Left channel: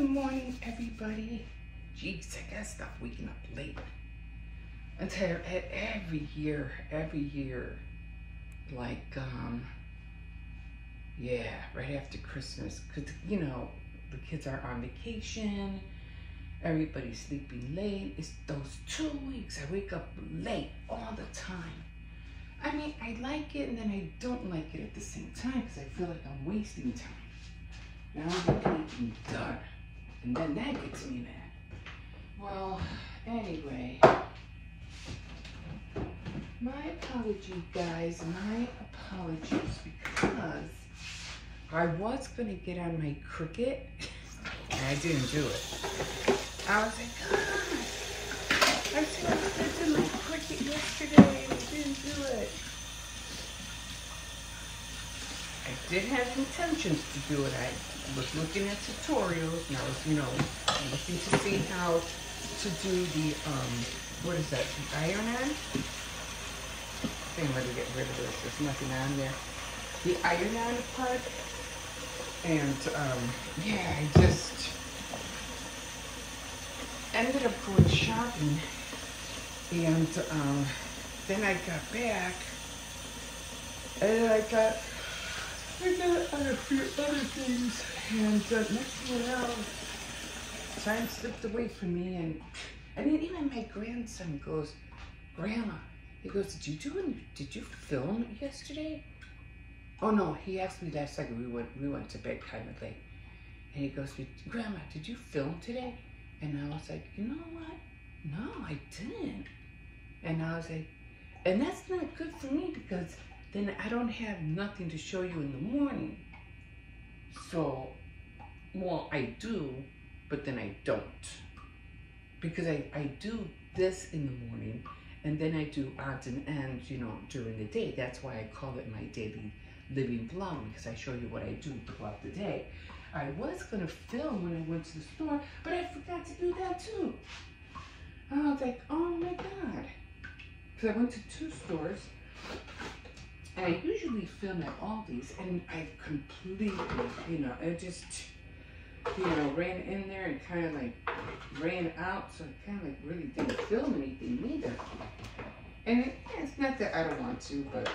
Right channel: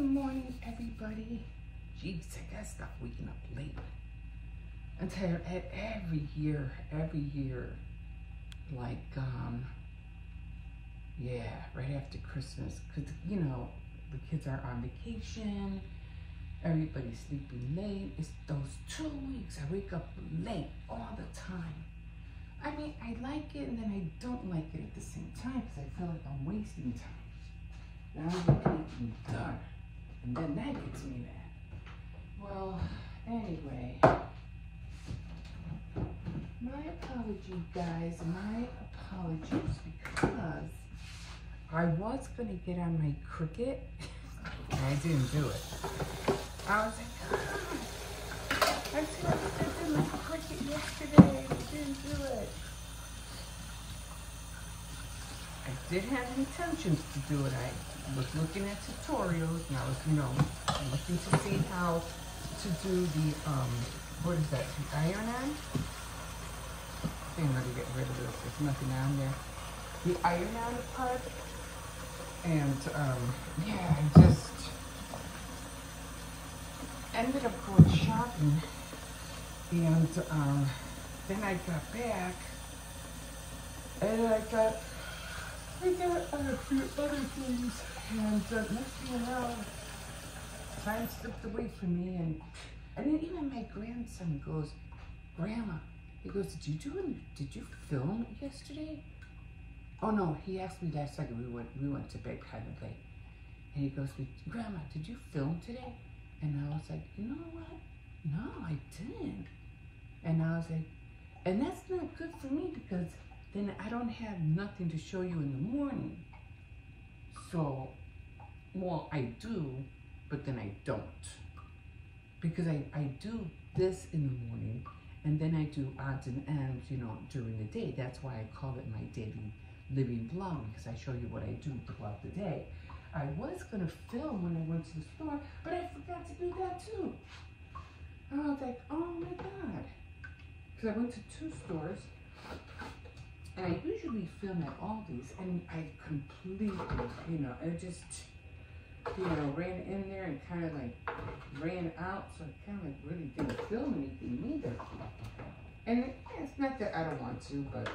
Good morning, everybody. Jeez, I gotta stop waking up late. I tell you, every year, like, yeah, right after Christmas, because, you know, the kids are on vacation, everybody's sleeping late. It's those 2 weeks I wake up late all the time. I mean, I like it and then I don't like it at the same time because I feel like I'm wasting time. Now I'm getting done. And then that gets me mad. Well, anyway. My apology, guys. My apologies because I was going to get on my Cricut and I didn't do it. I was like, God, I said I was going to do my Cricut yesterday and I didn't do it. I did have intentions to do it. I was looking at tutorials and I was, you know, looking to see how to do the, what is that, the iron-on? I think I'm going to get rid of this. There's nothing on there. The iron-on part. And, yeah, I just ended up going shopping. And, then I got back. And I got a few other things. And, next thing you know, time slipped away from me. And, I mean, even my grandson goes, Grandma, he goes, did you film yesterday? Oh no, he asked me that second. We went to bed kind of late. And he goes, Grandma, did you film today? And I was like, you know what? No, I didn't. And I was like, and that's not good for me because then I don't have nothing to show you in the morning. So, well, I do, but then I don't. Because I do this in the morning, and then I do odds and ends, you know, during the day. That's why I call it my daily living vlog, because I show you what I do throughout the day. I was going to film when I went to the store, but I forgot to do that too. And I was like, oh my God. Because I went to 2 stores, and I usually film at Aldi's, and I completely, you know, I just, you know, ran in there and kind of like ran out, so I kind of like really didn't film anything either. And it's not that I don't want to, but,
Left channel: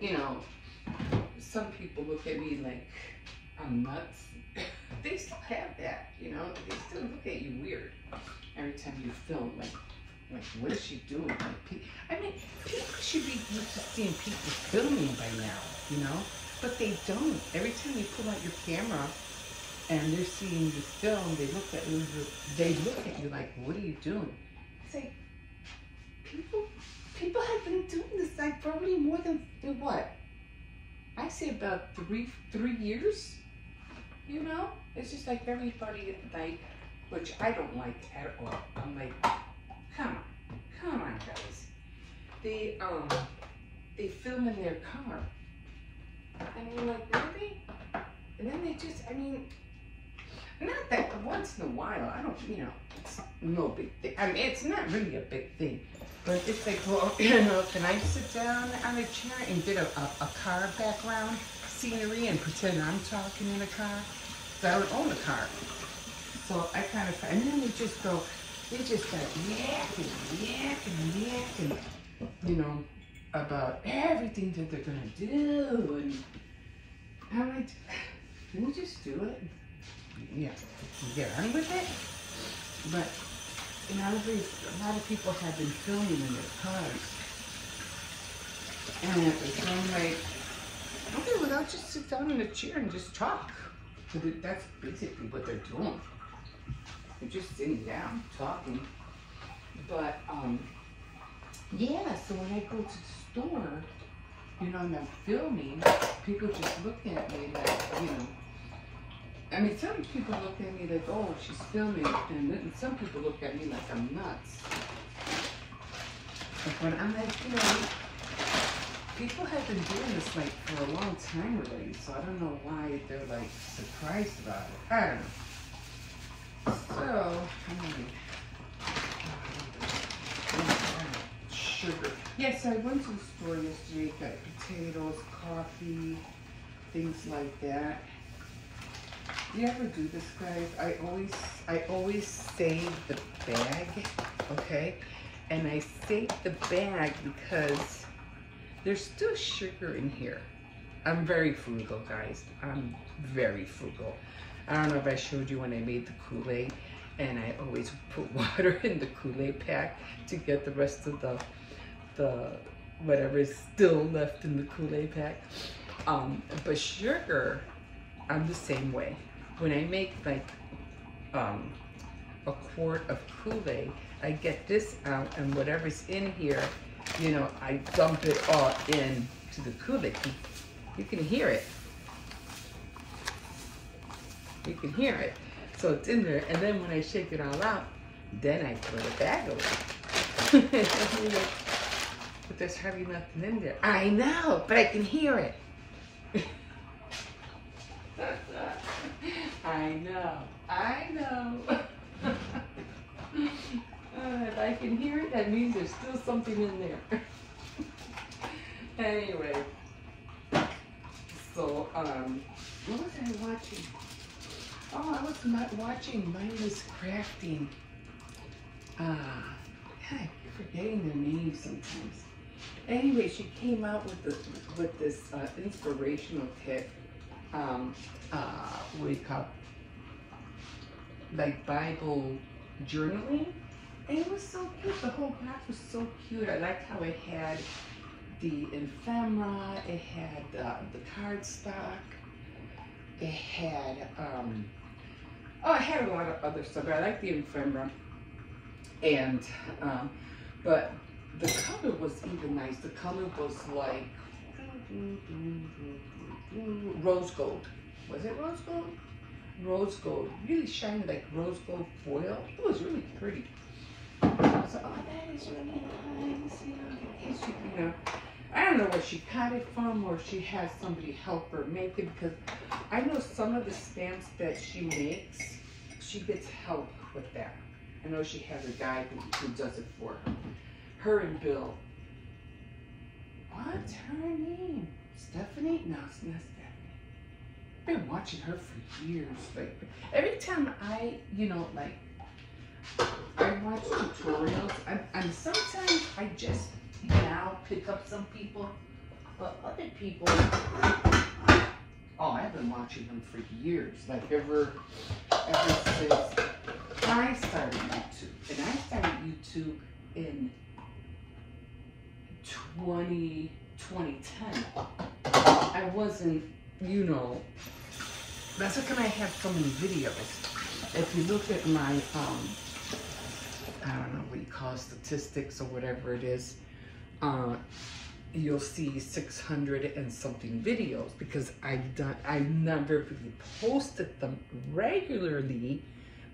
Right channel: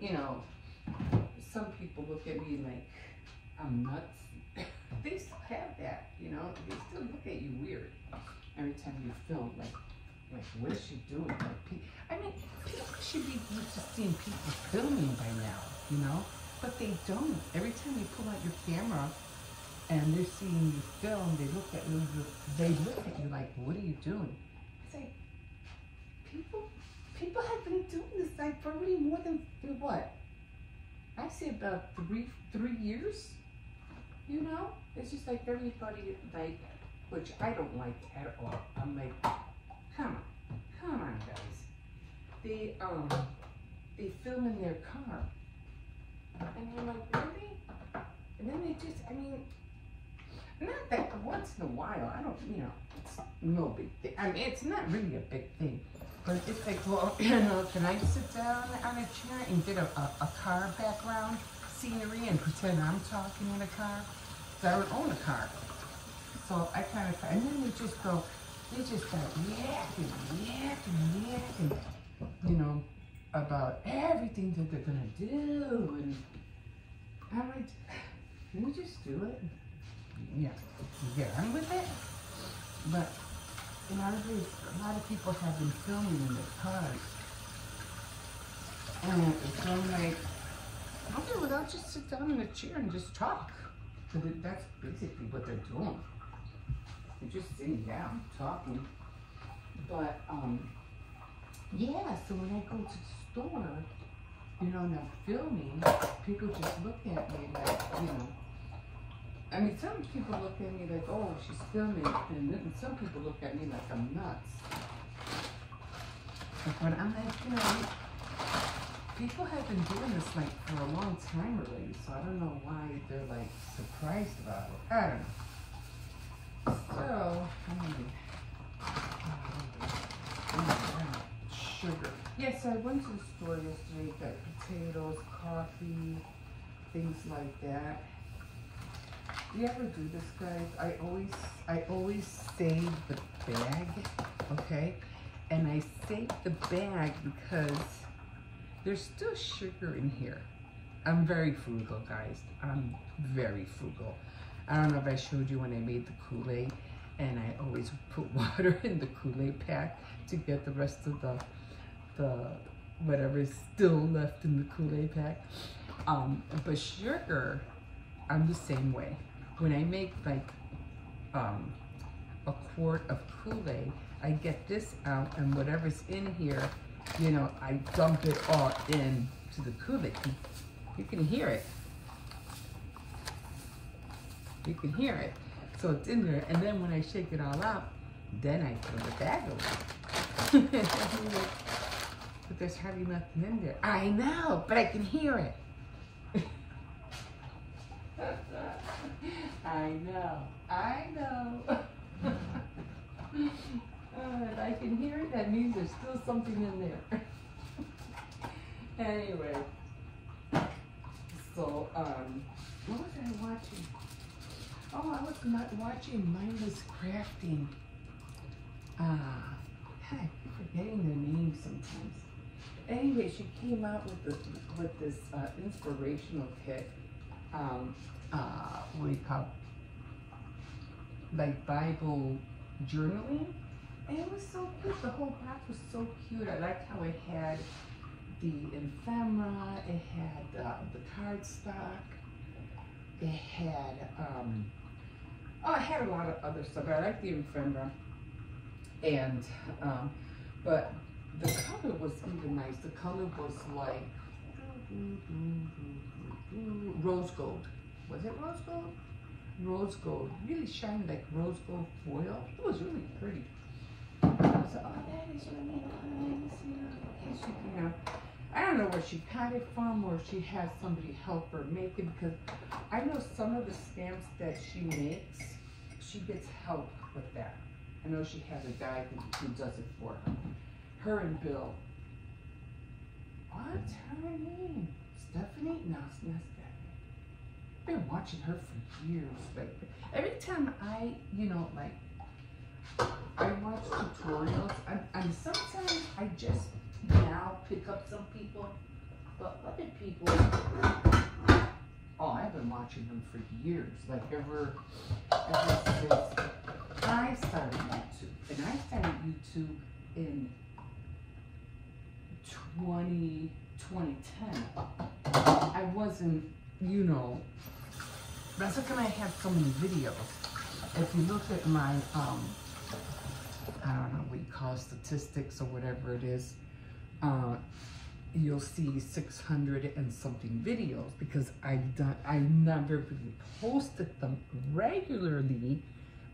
you know, some people look at me like I'm nuts. They still have that, you know, they still look at you weird every time you film, like what is she doing? Like, I mean, people should be used to seeing people filming by now, you know, but they don't. Every time you pull out your camera and they're seeing you film, they look at you like, what are you doing? It's like, people have been doing this like probably more than what? I say about three years, you know? It's just like everybody like, which I don't like at all. I'm like, come on guys. They film in their car. And you're like, really? And then they just, I mean, not that once in a while, I don't, you know, it's no big thing. I mean, it's not really a big thing. But it's like, well, you know, can I sit down on a chair and get a car background scenery and pretend I'm talking in a car? So I don't own a car. So I kind of, and then they just start yakking, you know, about everything that they're going to do. And I'm like, can we just do it? Yeah, get on with it? But, you know, a lot of people have been filming in their cars. And so I'm like, okay, well, I'll just sit down in a chair and just talk. Because that's basically what they're doing. They're just sitting down, talking. But, yeah, so when I go to the store, you know, and I'm filming, people just look at me like, you know, I mean, some people look at me like, oh, she's filming, and then some people look at me like I'm nuts. But I'm like, you know, people have been doing this like for a long time already, so I don't know why they're like surprised about it. I don't know. So, sugar. Yes, I went to the store yesterday, got potatoes, coffee, things like that. You ever do this, guys? I always save the bag, okay? And I save the bag because there's still sugar in here. I'm very frugal, guys. I'm very frugal. I don't know if I showed you when I made the Kool-Aid, and I always put water in the Kool-Aid pack to get the rest of the whatever is still left in the Kool-Aid pack. But sugar, I'm the same way. When I make like a quart of Kool-Aid, I get this out, and whatever's in here, you know, I dump it all in to the Kool-Aid. You can hear it. You can hear it. So it's in there, and then when I shake it all out, then I throw the bag away. But there's hardly nothing in there. I know, but I can hear it. I know. If I can hear it, that means there's still something in there. Anyway, so, what was I watching? Oh, I was not watching Mindless Crafting. I keep forgetting their names sometimes. Anyway, she came out with this inspirational kit. What do you call it? Like Bible journaling. And it was so cute. The whole box was so cute. I liked how it had the ephemera, it had the cardstock, it had it had a lot of other stuff. I like the ephemera, and but the color was even nice. The color was like rose gold. Was it rose gold? Rose gold, really shiny like rose gold foil. It was really pretty. I was like, oh, that is really nice. You know, I don't know where she got it from, or she had somebody help her make it, because I know some of the stamps that she makes, she gets help with that. I know she has a guy who does it for her. Her and Bill. What's her name? Stephanie? No, it's not Stephanie. I've been watching her for years. Like every time I, you know, like I watch tutorials, and sometimes I just now pick up some people, but other people, oh, I've been watching them for years, like ever since I started YouTube. And I started YouTube in 2010. I wasn't, you know, that's how come I have so many videos. If you look at my, I don't know what you call it, statistics or whatever it is, you'll see 600 and something videos, because I've never really posted them regularly,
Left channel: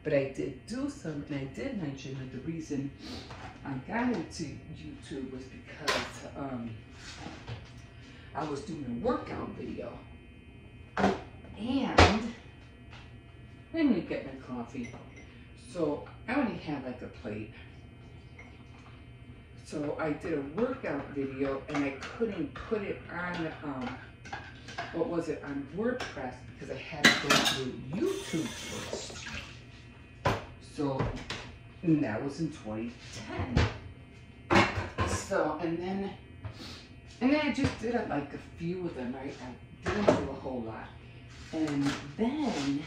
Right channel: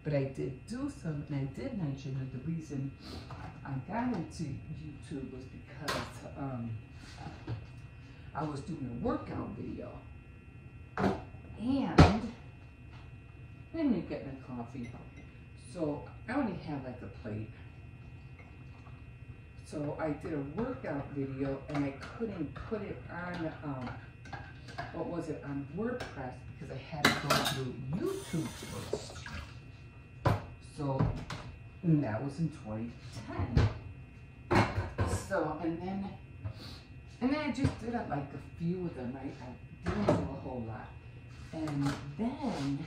but I did do some, and I did mention that the reason I got into YouTube was because I was doing a workout video, and let me get my coffee. So I only had like a plate. So I did a workout video, and I couldn't put it on, what was it, on WordPress, because I had to go through YouTube first. So that was in 2010. So, and then I just did it like a few of them. I didn't do a whole lot. And then,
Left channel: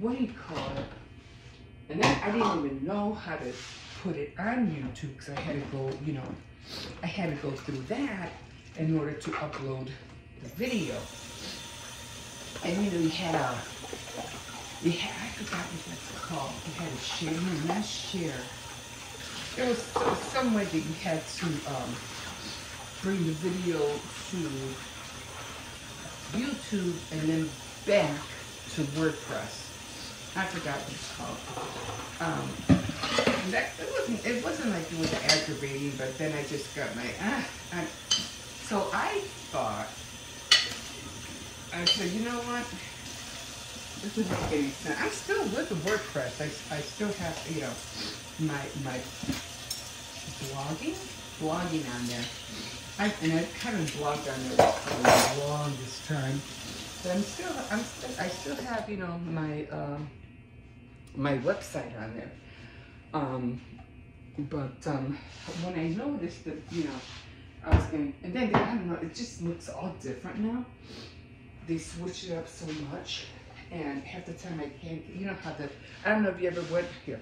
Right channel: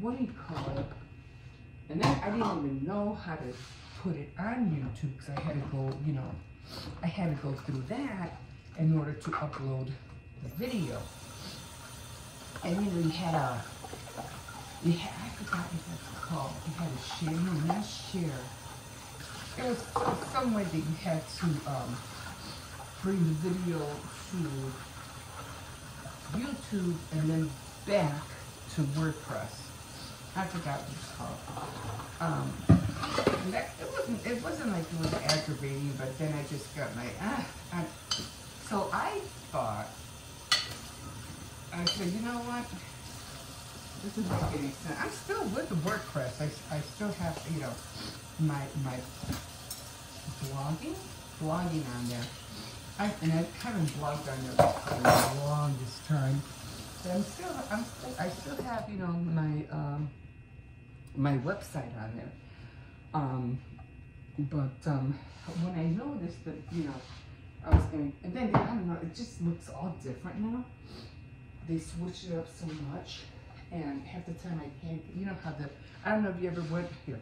what do you call it? And then I didn't even know how to put it on YouTube, because I had to go, you know, I had to go through that in order to upload the video. And you know, I forgot what that's called. You had a share, no, not share. There was some way that you had to bring the video to YouTube and then back to WordPress. I forgot what it's called. It wasn't like it was aggravating, but then I just got my, so I thought, I said, you know what, this doesn't make any sense. I'm still with the WordPress. I still have, you know, my blogging on there. And I kind of blogged on there for the longest time. But I'm still have, you know, my my website on there. But when I noticed that, you know, I was going, and then I don't know, it just looks all different now. They switch it up so much, and half the time I can't, you know how the, I don't know if you ever went here.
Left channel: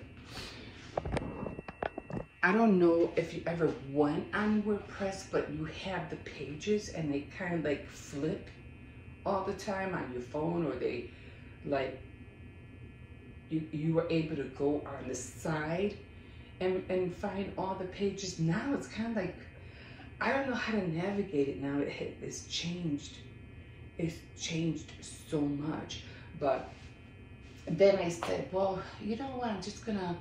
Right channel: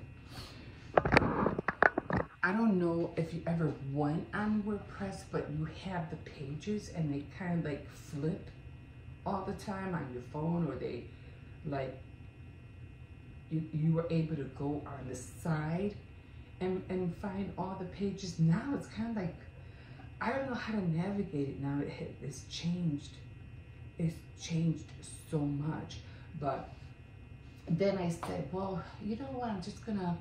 I don't know if you ever went on WordPress, but you have the pages and they kind of like flip all the time on your phone, or they like, you were able to go on the side and find all the pages. Now it's kind of like, I don't know how to navigate it now. It's changed. It's changed so much. But then I said, well, you know what, I'm just gonna,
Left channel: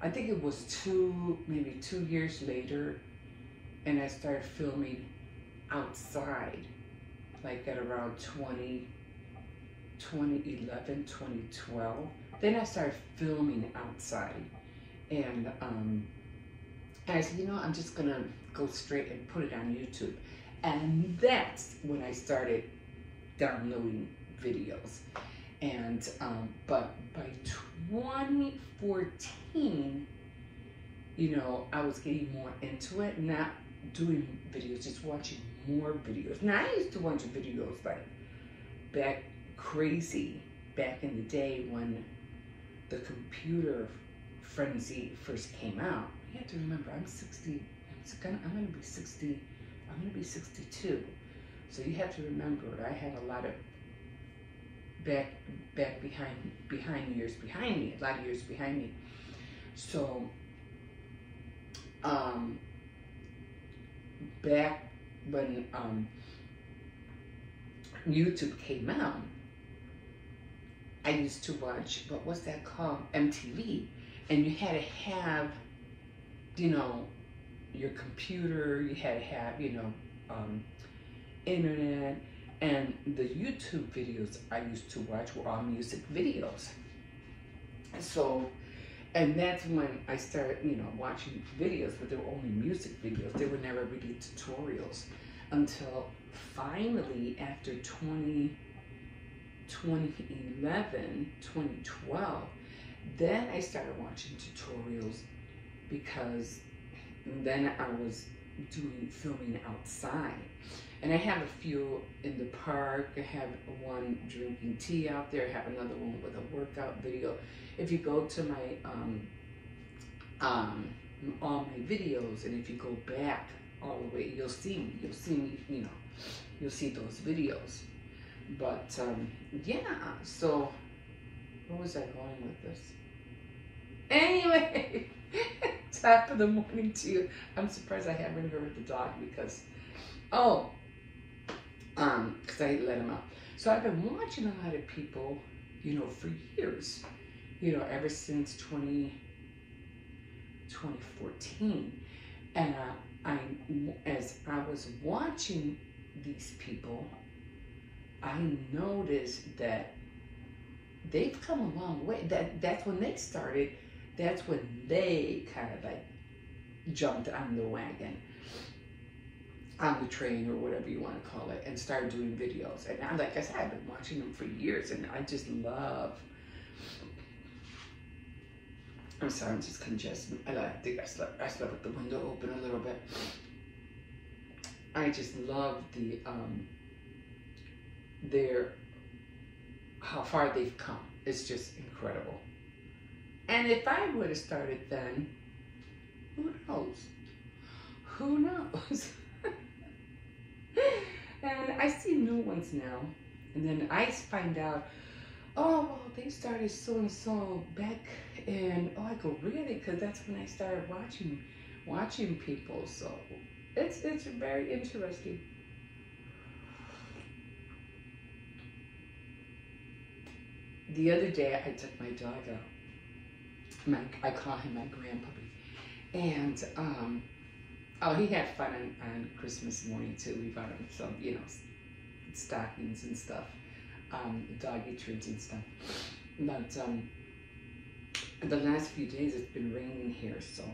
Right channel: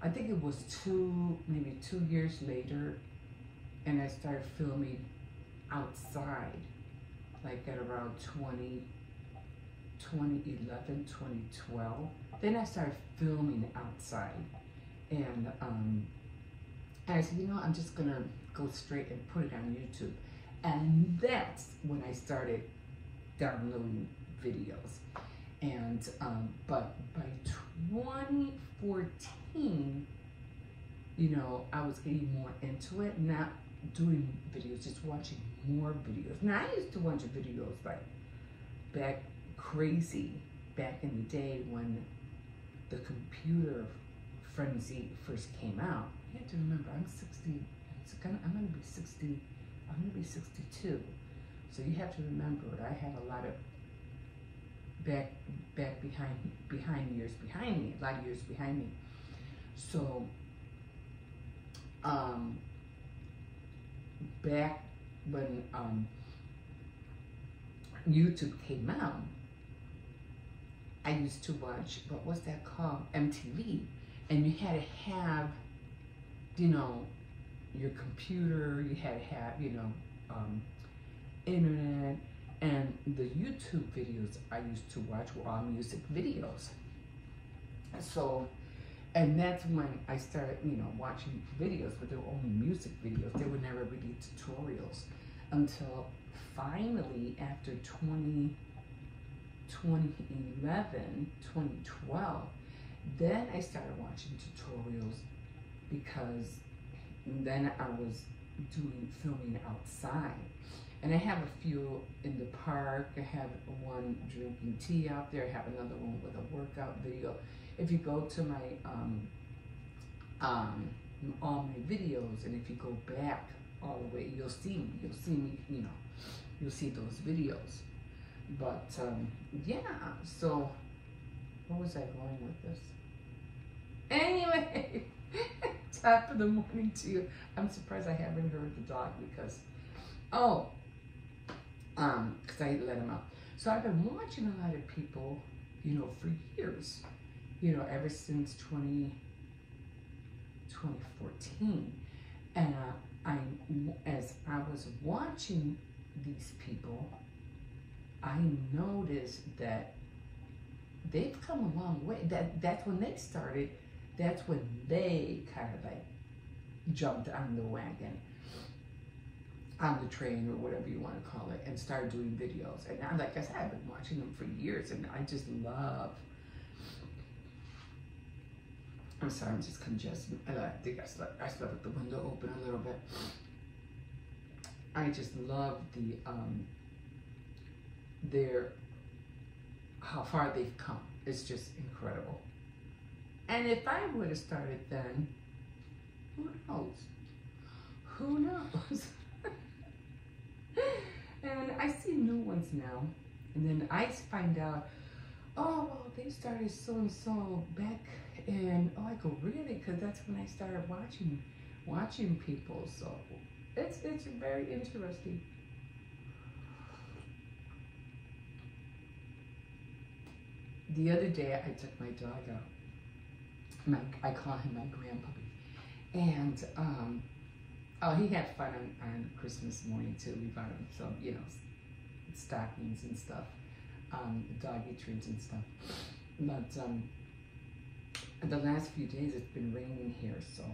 I think it was maybe 2 years later, and I started filming outside, like at around 2011, 2012. Then I started filming outside, and I said, you know, I'm just gonna go straight and put it on YouTube. And that's when I started downloading videos. And but by 2014, you know, I was getting more into it, not doing videos, just watching more videos. Now, I used to watch videos like back in the day when the computer frenzy first came out. You have to remember, I'm 60. I'm gonna be 60. I'm gonna be 62. So you have to remember, I had a lot of back behind years behind me, a lot of years behind me. So back when YouTube came out, I used to watch, what was that called? MTV. And you had to have, you know, your computer, you had to have, you know, internet, and the YouTube videos I used to watch were all music videos. So, and that's when I started, you know, watching videos, but they were only music videos. They were never really tutorials until finally after 2011, 2012, then I started watching tutorials, because then I was filming outside. And I have a few in the park. I have one drinking tea out there. I have another one with a workout video. If you go to my all my videos, and if you go back all the way, you'll see me, you know, you'll see those videos. But yeah, so where was I going with this? Anyway, top of the morning to you. I'm surprised I haven't heard the dog, because because I let him out. So I've been watching a lot of people, you know, for years, you know, ever since 2014. And as I was watching these people, I noticed that they've come a long way. That's when they started. That's when they kind of like jumped on the wagon, on the train, or whatever you want to call it, and started doing videos. And now, like I said, I've been watching them for years, and I just love. I'm sorry, I'm just congested. I think I slept with the window open a little bit. I just love how far they've come. It's just incredible. And if I would have started then, who knows? Who knows? And I see new ones now, and then I find out, oh, well, they started so and so back, and I go, really? Because that's when I started watching people. So it's very interesting. The other day, I took my dog out. I call him my grandpuppy, and he had fun on Christmas morning too. We bought him some, you know, stockings and stuff, doggy treats and stuff. But the last few days it's been raining here, so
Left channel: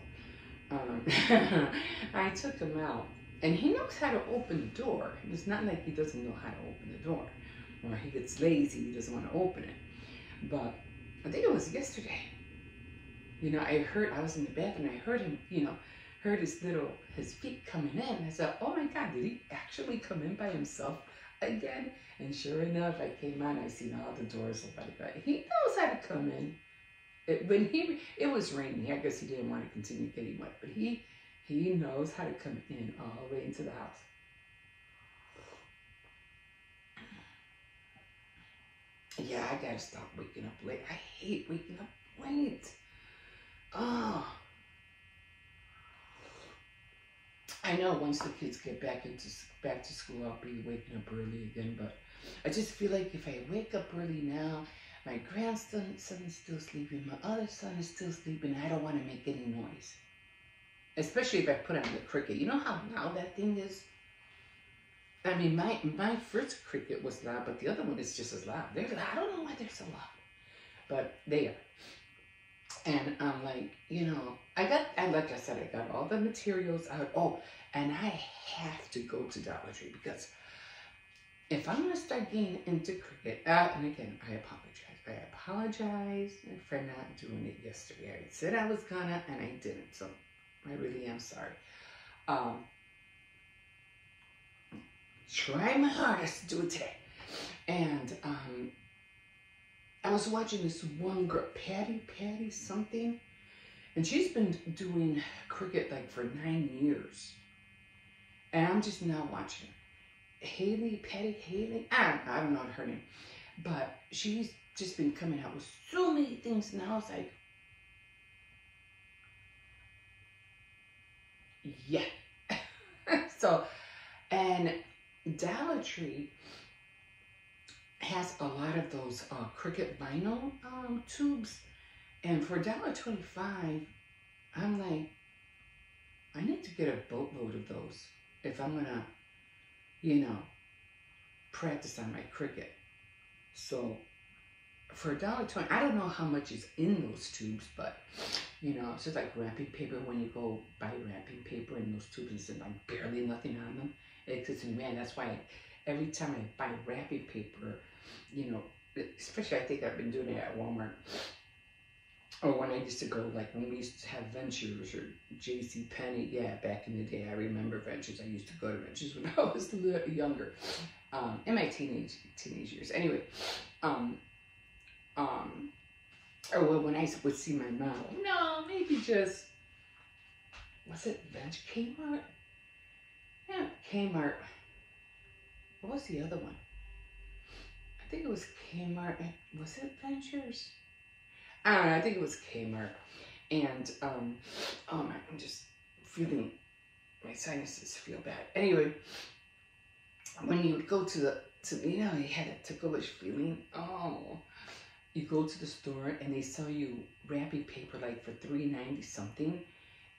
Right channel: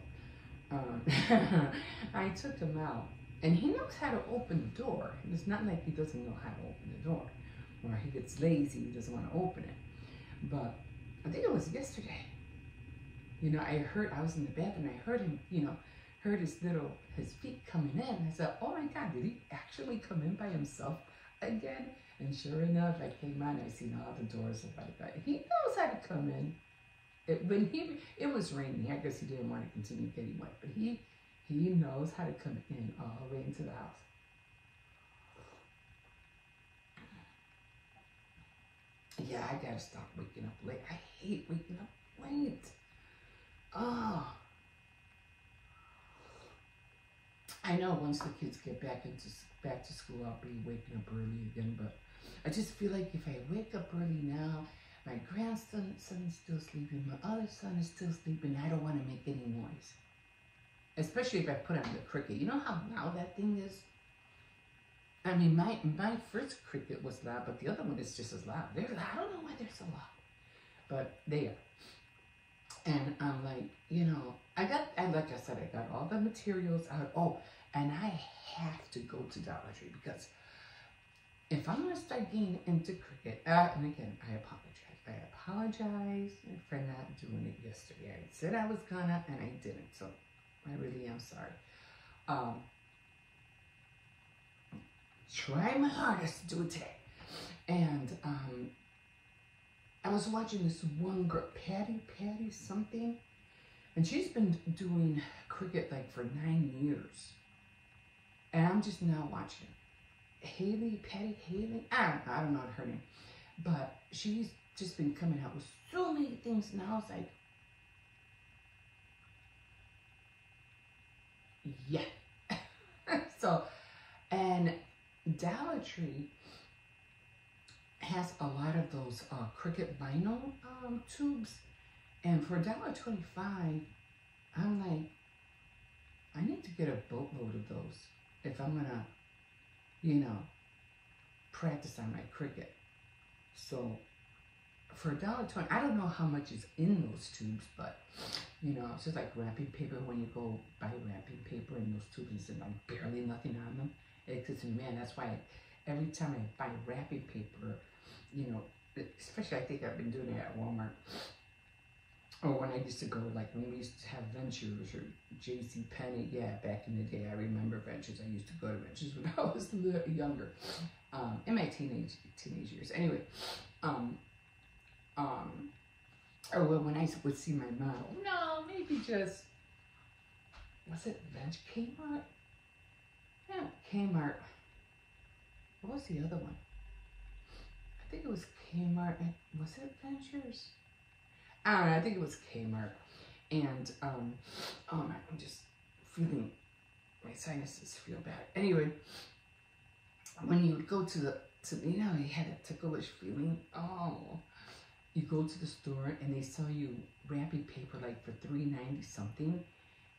I took him out, and he knows how to open the door. It's not like he doesn't know how to open the door. or he gets lazy, he doesn't want to open it. But I think it was yesterday. You know, I was in the bathroom, I heard him, you know, heard his feet coming in. I said, oh my God, did he actually come in by himself again? And sure enough, I came on, I seen all the doors open. He knows how to come in. It was raining, I guess he didn't want to continue getting wet, but he knows how to come in all the way into the house. Yeah, I gotta stop waking up late. I hate waking up late. Oh. I know once the kids get back to school, I'll be waking up early again, but I just feel like if I wake up early now, my grandson is still sleeping, my other son is still sleeping, I don't want to make any noise. Especially if I put on the cricket. You know how loud that thing is? I mean, my first cricket was loud, but the other one is just as loud. They're loud. I don't know why they're so loud, but they are. And I'm like, you know, like I said, I got all the materials out. Oh, and I have to go to Dollar Tree because if I'm gonna start getting into cricket, and again, I apologize for not doing it yesterday. I said I was gonna, and I didn't. So I really am sorry. Try my hardest to do it today. And I was watching this one girl, Patty something, and she's been doing cricket like for 9 years. And I'm just now watching Patty Haley. I don't know her name, but she's just been coming out with so many things now. It's like, yeah. So, and Dollar Tree has a lot of those cricket vinyl tubes, and for $1.25, I'm like, I need to get a boatload of those if I'm gonna, you know, practice on my cricket. So for $1.20, I don't know how much is in those tubes, but you know, it's just like wrapping paper. When you go buy wrapping paper in those tubes, there's like barely nothing on them. It's man, that's why every time I buy wrapping paper, you know, especially I think I've been doing it at Walmart, or when I used to go, like when we used to have Ventures or J.C. Penney. Yeah, back in the day, I remember Ventures. I used to go to Ventures when I was a little younger, in my teenage years. Anyway, or when I would see my mom, no, maybe just, was it Kmart? Yeah, Kmart. What was the other one? I think it was Kmart. Was it Ventures? I don't know. I think it was Kmart. And oh my, I'm just feeling, my sinuses feel bad. Anyway, when you would go to you know, you had that ticklish feeling. Oh, you go to the store and they sell you wrapping paper like for $3.90 something,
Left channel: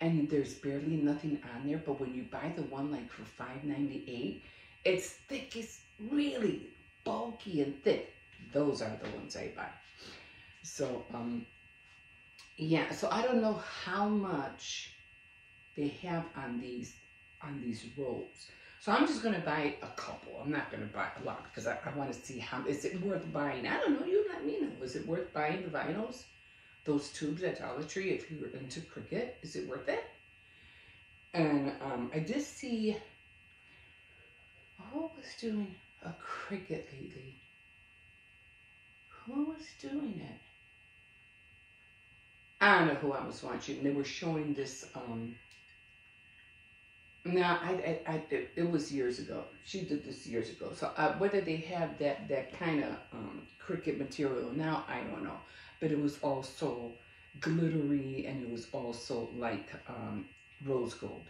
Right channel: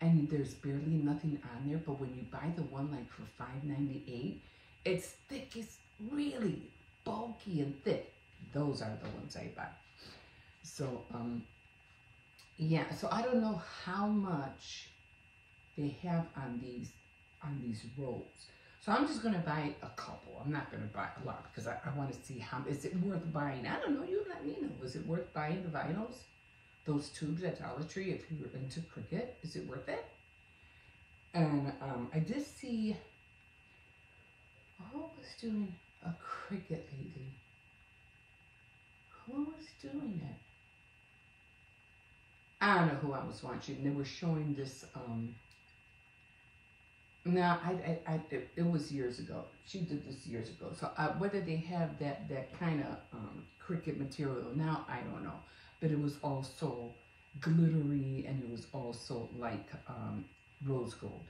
and there's barely nothing on there. But when you buy the one like for $5.98, it's thick. It's really bulky and thick. Those are the ones I buy. So yeah. So I don't know how much they have on these rolls. So I'm just gonna buy a couple. I'm not gonna buy a lot because I want to see how, is it worth buying? I don't know. You let me know. Is it worth buying the vinyls, those tubes at Dollar Tree? If you were into cricket, is it worth it? And I did see, who was doing a cricket lately? Who was doing it? I don't know who I was watching. They were showing this. Now, it was years ago. She did this years ago. So whether they have that kind of cricket material now, I don't know. But it was also glittery, and it was also like rose gold.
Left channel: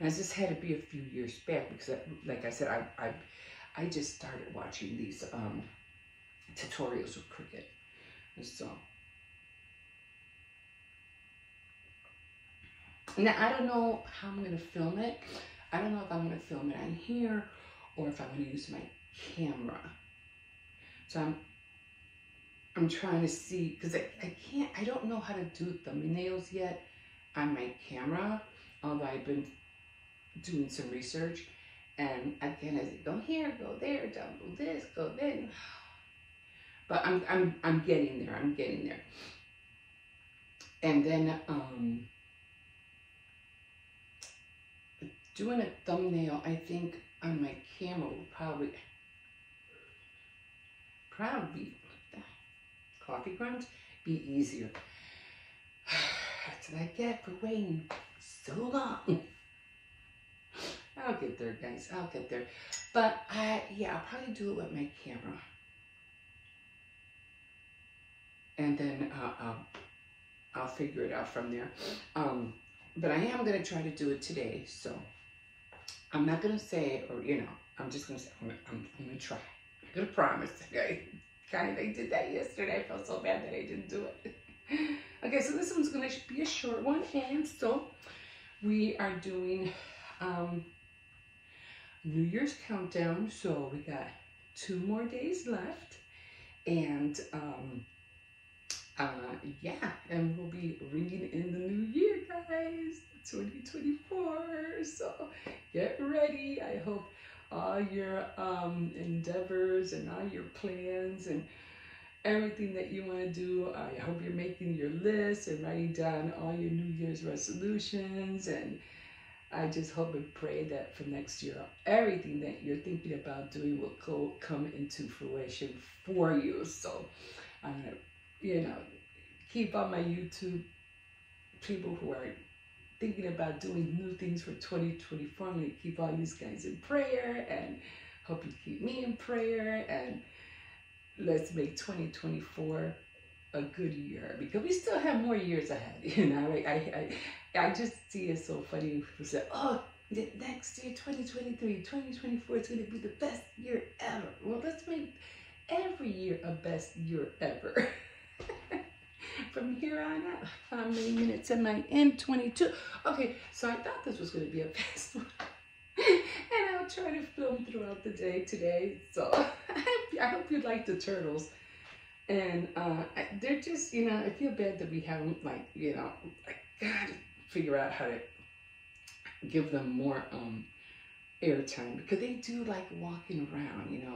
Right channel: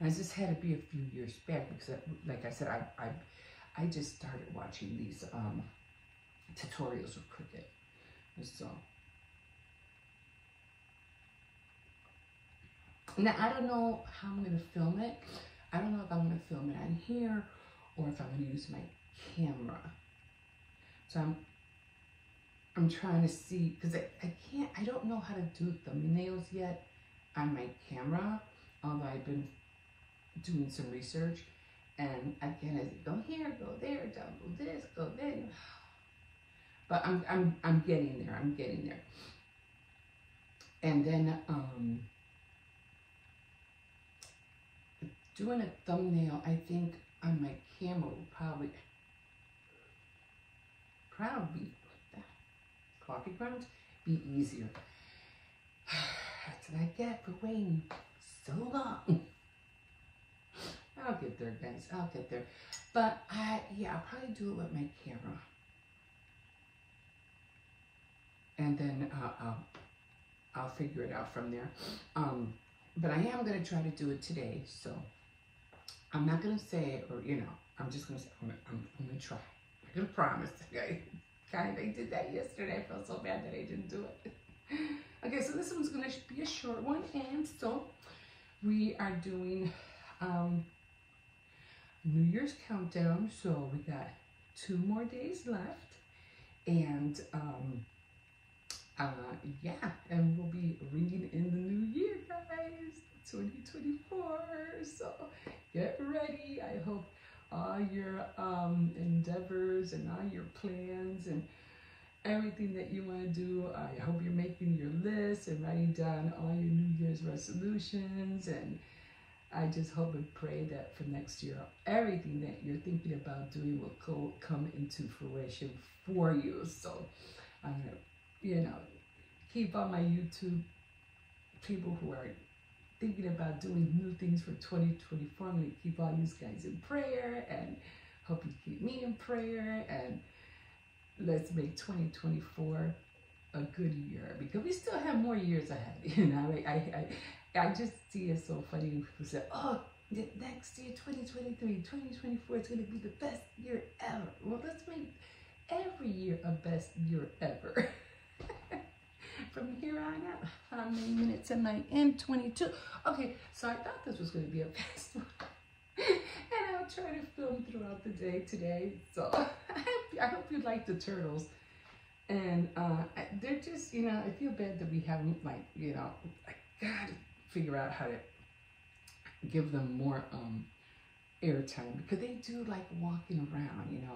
And this had to be a few years back because, like I said, I just started watching these tutorials of cricket. So now I don't know how I'm going to film it. I don't know if I'm going to film it on here or if I'm going to use my camera. So I'm trying to see, because I don't know how to do thumbnails yet on my camera, although I've been doing some research. And again, I said, go here, go there, don't go this, go then. But I'm getting there. I'm getting there. And then doing a thumbnail, I think on my camera will probably coffee grounds be easier. That's what I get for waiting so long. I'll get there, guys. I'll get there. But I'll probably do it with my camera. And then I'll figure it out from there. But I am going to try to do it today. So I'm not going to say, or, you know, I'm just going to say, I'm going to try. I'm going to promise, okay? Kind of, I did that yesterday. I felt so bad that I didn't do it. Okay, so this one's going to be a short one. And so we are doing New Year's Countdown. So we got 2 more days left. And and we'll be ringing in the new year, guys, 2024. So get ready. I hope all your endeavors and all your plans and everything that you want to do, I hope you're making your list and writing down all your New Year's resolutions. And I just hope and pray that for next year, everything that you're thinking about doing will come into fruition for you. So, you know, keep on my YouTube people who are thinking about doing new things for 2024. I'm going to keep all these guys in prayer and hope you keep me in prayer. And let's make 2024 a good year, because we still have more years ahead. You know, I just see it so funny. People say, oh, next year, 2023, 2024 is going to be the best year ever. Well, let's make every year a best year ever. From here on out. How many minutes am I in? 22. Okay, so I thought this was going to be a fast one. And I'll try to film throughout the day today. So I hope you like the turtles. And they're just, you know, I feel bad that we haven't, like, you know, I gotta figure out how to give them more airtime, because they do like walking around, you know,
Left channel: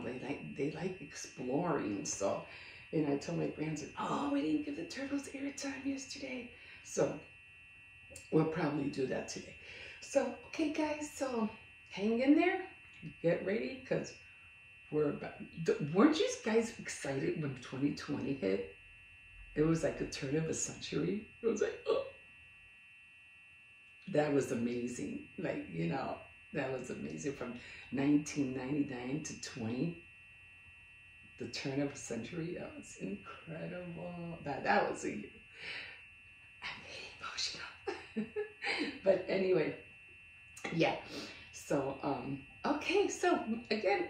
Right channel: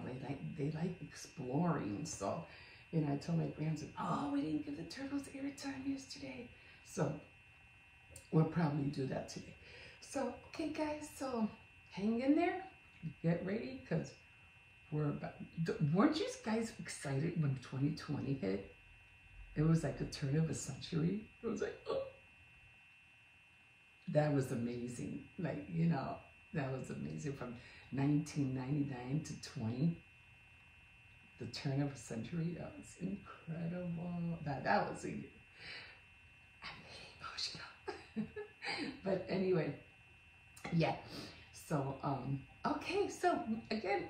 they like exploring. So, and I told my grandson, oh, we didn't give the turtles airtime yesterday. So we'll probably do that today. So, okay, guys, so hang in there, get ready, because we're about, weren't you guys excited when 2020 hit? It was like a turn of a century. It was like, oh, that was amazing. Like, you know, that was amazing. From 1999 to 20, the turn of a century. That was incredible. That was I'm emotional. But anyway, yeah. So, okay, so again,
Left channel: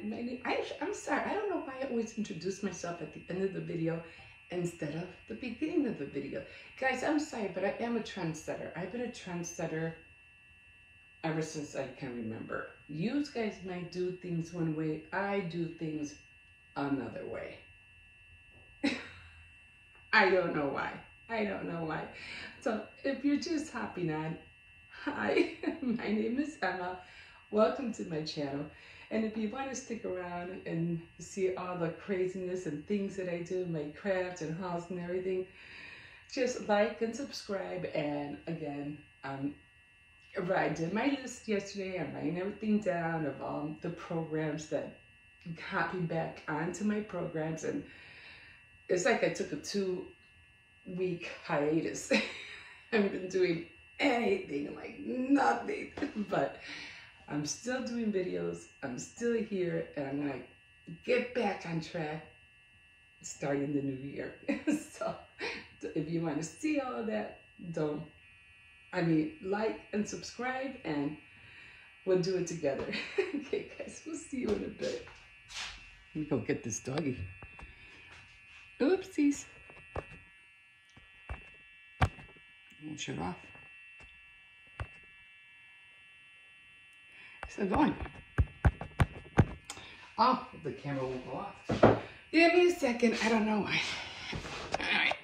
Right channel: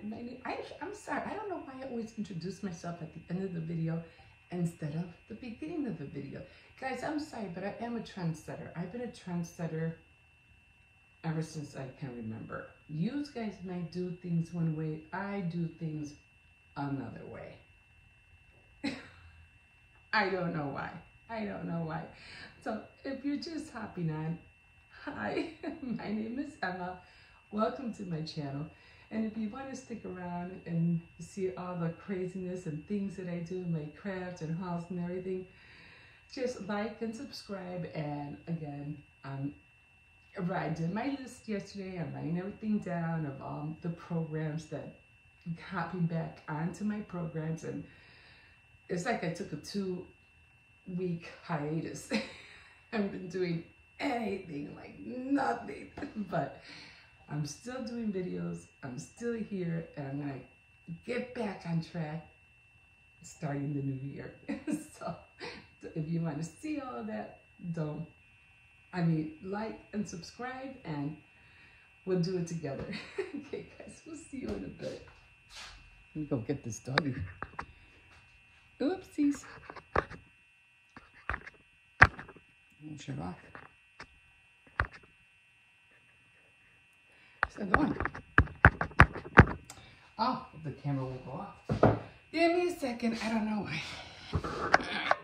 I'm sorry, I don't know why I always introduce myself at the end of the video instead of the beginning of the video. Guys, I'm sorry, but I am a trendsetter. I've been a trendsetter ever since I can remember. You guys might do things one way, I do things another way. I don't know why. I don't know why. So if you're just hopping on, hi, my name is Emma. Welcome to my channel. And if you want to stick around and see all the craziness and things that I do, my crafts and hauls and everything, just like and subscribe. And again, I did my list yesterday. I'm writing everything down of all the programs that I'm hopping back onto my programs. And it's like I took a 2-week hiatus. I haven't been doing anything, like nothing, but I'm still doing videos, I'm still here, and I'm gonna get back on track starting the new year. So if you want to see all of that, like and subscribe, and we'll do it together. Okay, guys, we'll see you in a bit. Let me go get this doggy. Oopsies. I'll shut off. Still going. Oh, the camera won't go off. Give me a second. I don't know why. All right.